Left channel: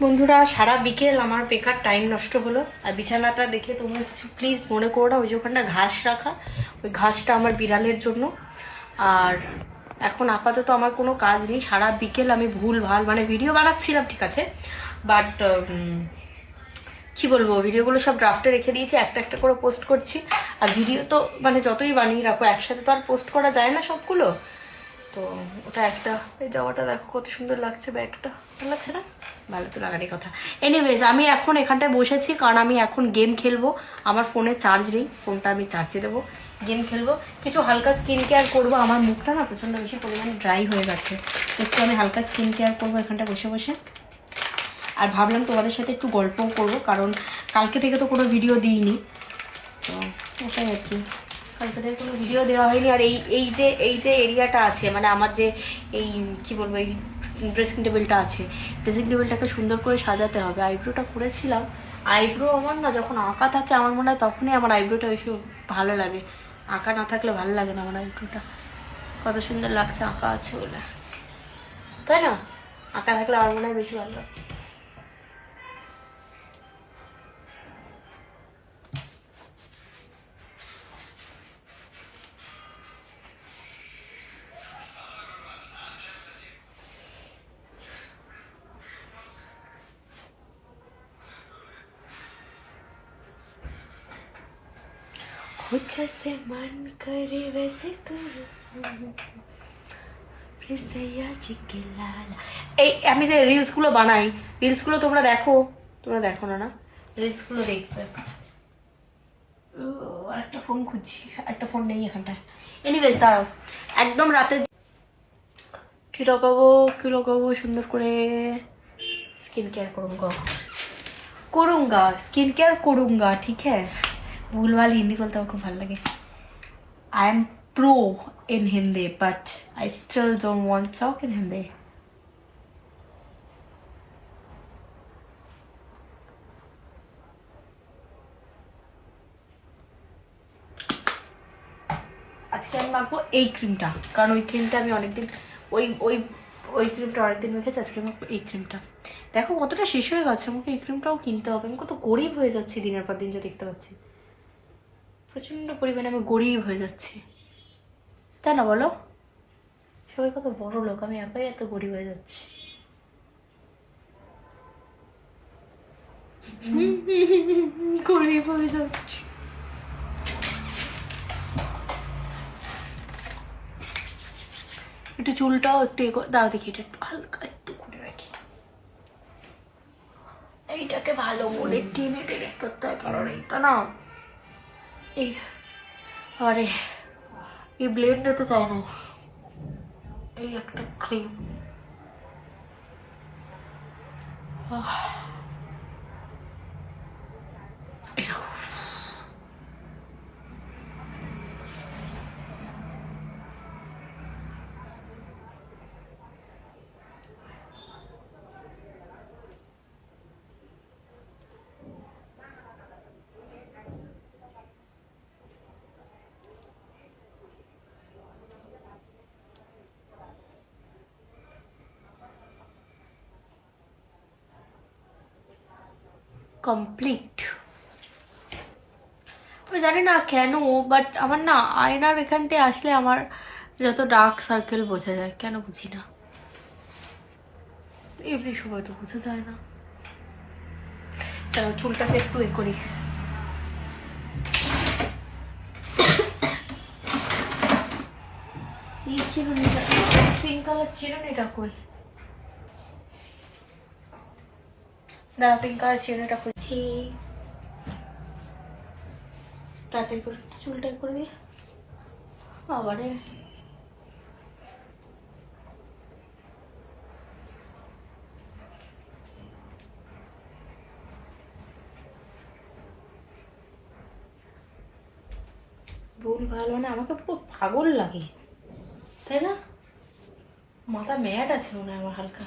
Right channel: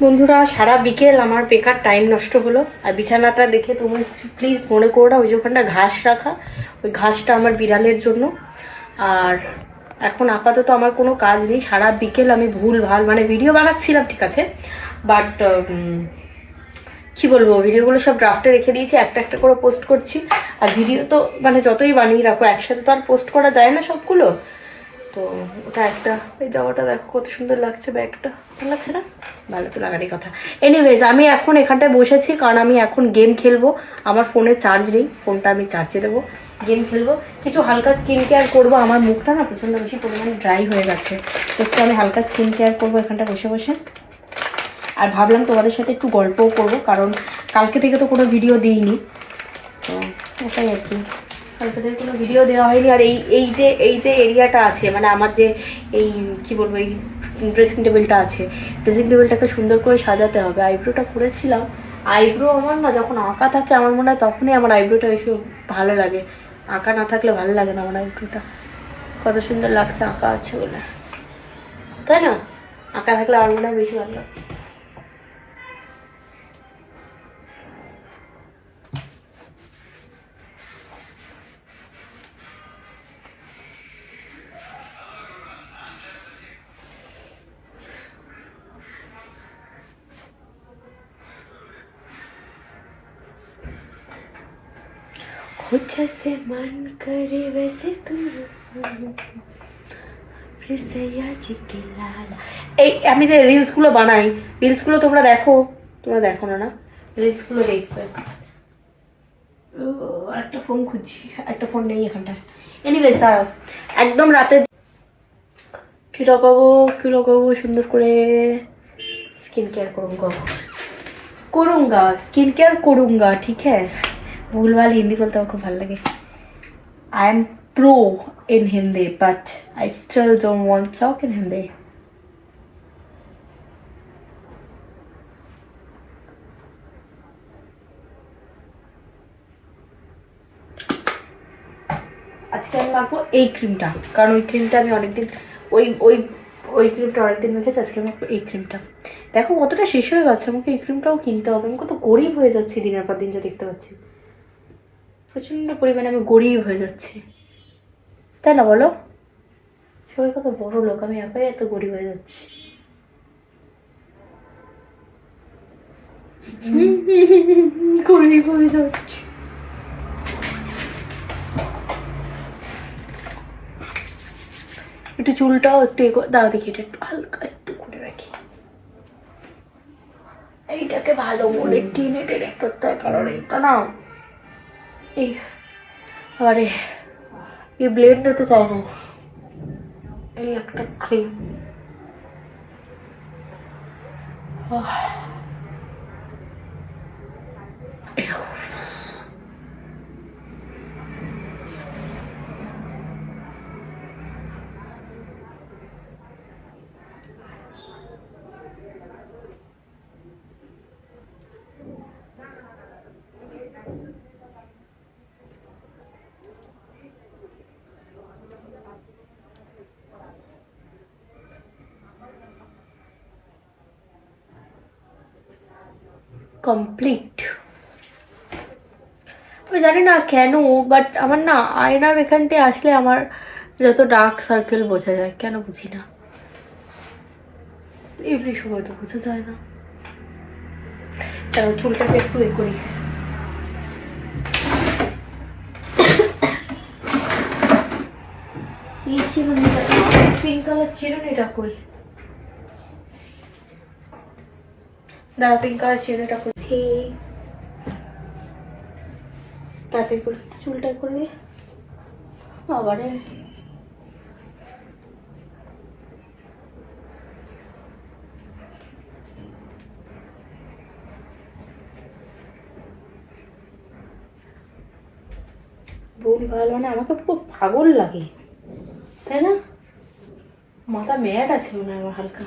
বন্ধুরা, সারা বিকেল আমার বেকার টাইম নষ্ট হলো। আর বিছানাটা দেখে তোমরা কিছু প্লিজ মনে করো না, ওই যে ওখানটা ঘাস রাখা, ওই ঘাসটা আমার বিড়ালের জন্য। আর এখন আপাতত আমার কোনো কাজ নেই। সারা বিকেল আমি ভুল ভাল মানে ভিডিও বানাচ্ছিলাম, ঠিক আছে, বাট কি বলবো, ভিডিওগুলো সব ড্রাফটে রেখে দিয়েছি, একটা একটা করে পোস্ট করছি। আর ভিডিও তো মানে যতই বানিয়ে রাখো একসাথে তো আর পোস্ট করা যায় না সবগুলো। তো ওটা একটা, ওই জামাটা দেখো কত সুন্দর লাগছে, ব্যাগটা ভালো লাগছে না? ভালো তো লাগারই কথা। এনিওয়েজ, আমি এখন এখানটায় বসেছি কারণ আমি এখন গেম খেলবো। আমার ফোনে চার্জ নেই, ফোনটা আমি চার্জে দেবো, গেম খেলবো, কিছু হালকা স্কিন কেয়ার করবো। আমার মুখটা না প্রচণ্ড বেশি পরিমাণে ড্রাই হয়ে গেছে, একটু আমি হালকা স্কিন কেয়ার করবো এখানটা বসে বসে। আর ভাবলাম তোমাদের সাথে একটু গল্পও করবো, কারণ কালকে থেকে তো কোনো ভিডিও দিইনি, তো এটাই আর কি, কালকে থেকে কোনো ভিডিও দেওয়া হয়নি। আর এই যে এরিয়াটা আছে, মানে আমার যে এই কি বলবো, এই ড্রেসিং টেবিলটা আছে, ড্রেসিং টেবিলটাকে সুন্দর করে সাজাতে হবে। আইব্রোটা করেছিলাম, আইব্রো আমার না যখন আঁকা থাকে আমার মনে হয় তখনই আমার আইব্রোটা বেশি ভালো লাগে, আঁকা না থাকলে ভালো লাগে না আমার আইব্রোটা। কত সুন্দর লাগছে আঁকা আছে বলে, তাই না? আঁকা থাকলে আমার মনে হয় বেশি ভালো লাগে। हो जैसे मन करे वैसे तू এই আমি যে রিলসগুলো বানাই, রিলসগুলো তোমরা দেখো? তোমরা দেখো না? না, রিলসগুলো দেখবে। একটা ফোন খুঁজছি, একটা ফোন নেই এখানটায়। এনিওয়েজ দাঁড়াও, একদম রাতে কি লাগাবো, কি লাগাবো সুন্দর করে স্কিন केयर करूंगा, करूंगा स्किन केयर करूंगा, ठीक है। भूल वाल हिंदी बोलते हैं, खूब भालो लगे। I am pro in Hindi but I still don't want to talk in Hindi. আজকে আমি মাখবো এই ক্রিমটা, কারণ ওই ক্রিমটা আমি অনেকদিন, ওই ওই ওই ক্রিমটা অনেকদিন মেখেছি। আজকে আমি মাখবো এই ক্রিমটা। দেখো কতটা শেষ হয়ে গেছে, আমাকে এই ক্রিমটাও কিনতে হবে। আমি কত গরিব হয়ে যাচ্ছি দিনের পর দিন, যা দেখতে পাচ্ছি প্রচন্ড পরিমাণে আমি গরিব হয়ে যাচ্ছি, তাই না বলো? সবাই কত বড় লোক, আমি একাই এত গরিব হয়ে যাচ্ছি। গরিব হয়ে যাচ্ছি। একটু চুলটাও একটু দাও দেখি, এটা একটু হালকা একটু করে রাখি। এইটাকে ভালো করে টেনে টেনে করতে হয়, কারণ এটা না এই আরে এই ব্লেড নিতে চাই না। এই একটা ক্রিম, কমপ্লিট। আমি জানি না কেন, বাট আমার না আয়নার এখানটায় আসলে আমার যত ডার্ক সার্কেল বোঝা যায়, কেন বুঝি না। এমনি সময় তো বোঝা যায় না। তারপর চুলটাকে একটু এ করি। এই চিরুনিটা, পিঙ্ক কালার চিরুনিটা কই? না, পিঙ্ক কালার চিরুনিটা করছি। তাড়াতাড়ি করে চুলটা করে আবারে ভুল ভালো, মানে আমাকে পুরো পাগল লাগে, তাই না? মাথা ম্যাড আছে মনে হয় আমার হালকা।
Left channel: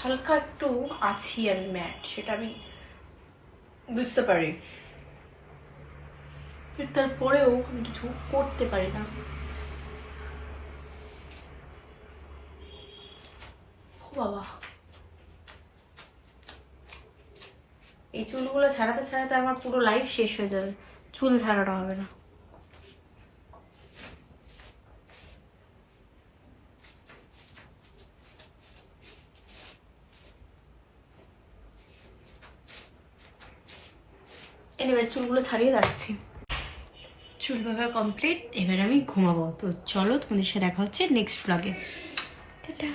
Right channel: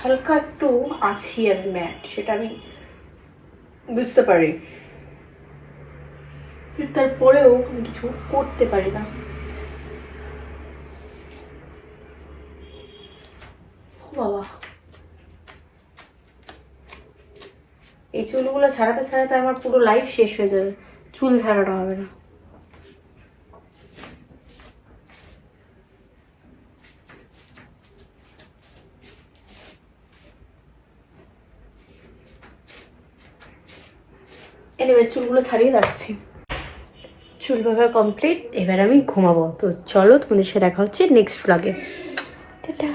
হালকা একটু আছি আমি ম্যাড, সেটা আমি বুঝতে পারি, তারপরেও আমি কিছু করতে পারি না। বাবা, এই চুলগুলো ছাড়াতে ছাড়াতে আমার পুরো লাইফ শেষ হয়ে যাবে, চুল ছাড়ানো হবে না। এনিওয়েজ চুলগুলো ছাড়িয়ে যাচ্ছি, চুল বাঁধা কমপ্লিট। এবার আমি ঘুমাবো। তো চলো, তোমাদের সাথে দেখা হচ্ছে নেক্সট ব্লগে। টাটা।